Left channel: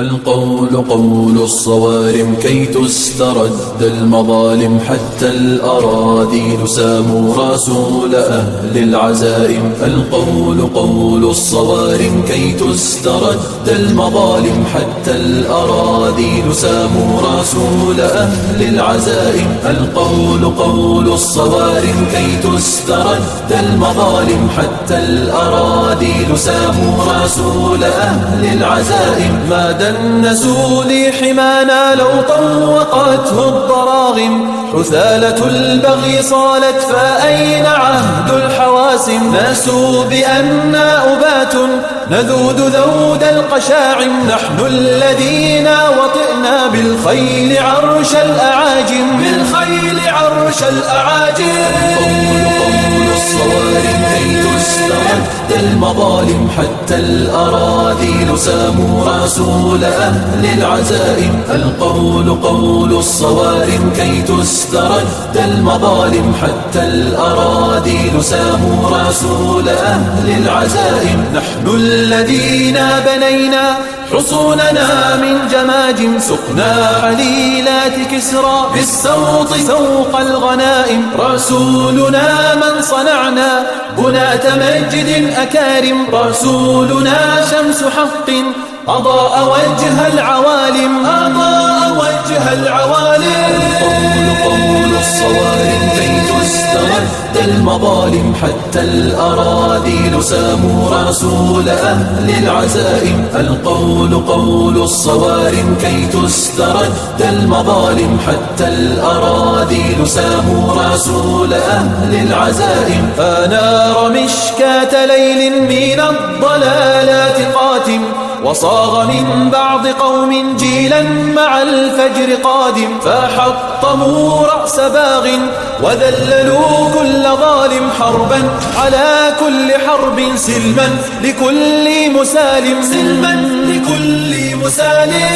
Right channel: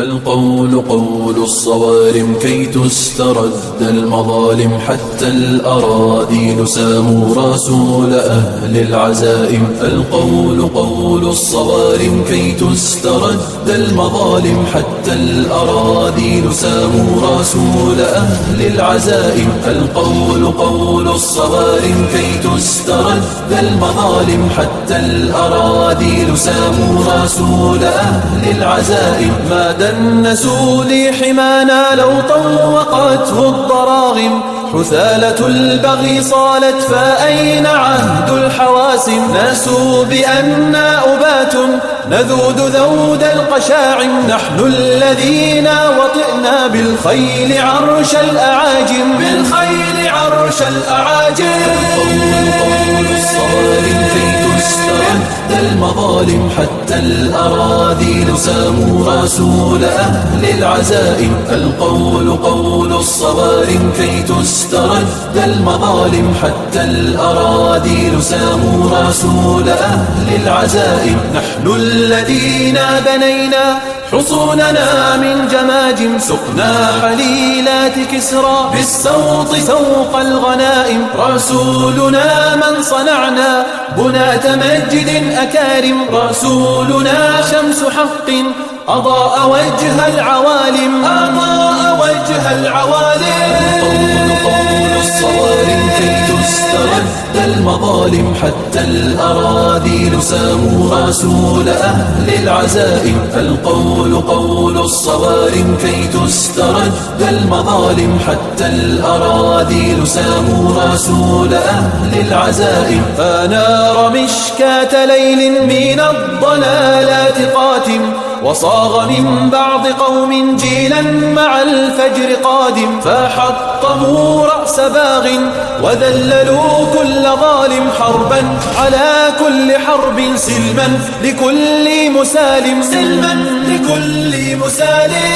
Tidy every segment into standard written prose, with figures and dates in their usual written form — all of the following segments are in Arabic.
القول قول الصوارم كي تسترد المظالم، حتى الأراذيل ساموا رسول أهل العزائم. القول قول الصوارم كي تسترد المظالم، حتى الأراذيل ساموا رسول أهل العزائم. القول قول الصوارم كي تسترد المظالم، حتى الأراذيل ساموا رسول أهل العزائم. ما دنسوا لي حمانا لو طوقته الضراغم، حثالة البغي صالت فأين عهد الحواسم. ناسوا بأننا أبات نذود ذود القشاعم، نحن الذين وطئنا بالخيل عرش الأعاجم. بالخيل عرش الأعاجم. الصوارم كي تسترد المظالم، حتى الأراذيل ساموا رسول أهل العزائم. القول قول الصوارم كي تسترد المظالم، حتى الأراذيل ساموا رسول أهل العزائم. نحن الذين بنينا حصوننا من جماجم، سقنا حليلات كسرى بالسوط سوق الغنائم. رسولنا من صنعنا بنات مجد أكارم، رسولنا شمس حق أضاء وجه العوالم. أضاء وجه العوالم. قول الصوارم كي تسترد المظالم، حتى الأراذيل ساموا رسول أهل العزائم. القول قول الصوارم كي تسترد المظالم، حتى الأراذيل ساموا رسول أهل العزائم. أنار مشكاة ليل من الضلالات قاتم، وصاغ من بعض قوم جيلا مع الفجر قادم. فحطموا رأس باغ وذللوا كل ظالم، حربا على كل حرب سلما لكل مسالم. سلما لكل مسالم.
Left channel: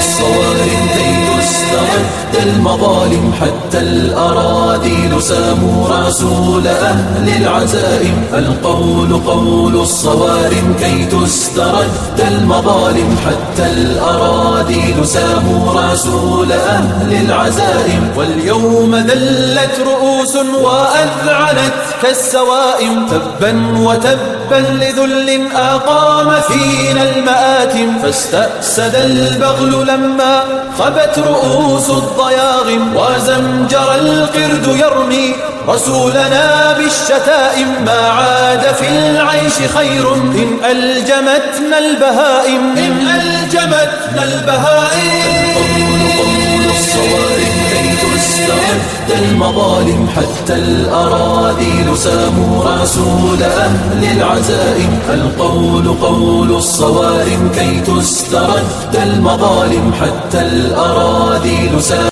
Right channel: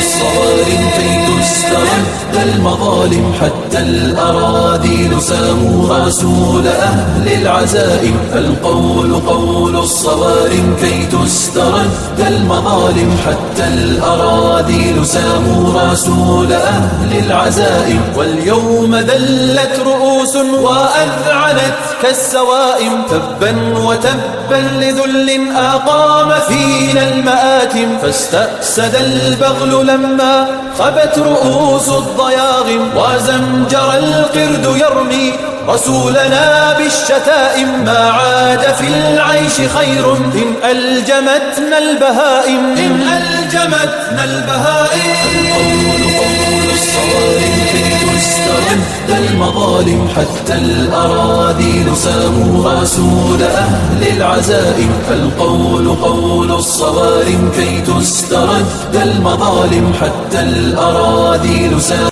الصوارم كي تسترد المظالم، حتى الأراذيل ساموا رسول أهل العزائم. القول قول الصوارم كي تسترد المظالم، حتى الأراذيل ساموا رسول أهل العزائم. واليوم ذلت رؤوس وأذعنت كالسوائم، تبا وتبا لذل أقام فينا المآتم. فاستأسد البغل لما خبت رؤوس الضياغم، وزمجر القرد يرمي رسولنا بالشتائم. ما عاد في العيش خير إن ألجمتنا البهائم. إن ألجمتنا البهائم. الصوارم كي تسترد المظالم، حتى الأراذيل ساموا رسول أهل العزائم. القول قول الصوارم كي تسترد المظالم، حتى الأراذيل ساموا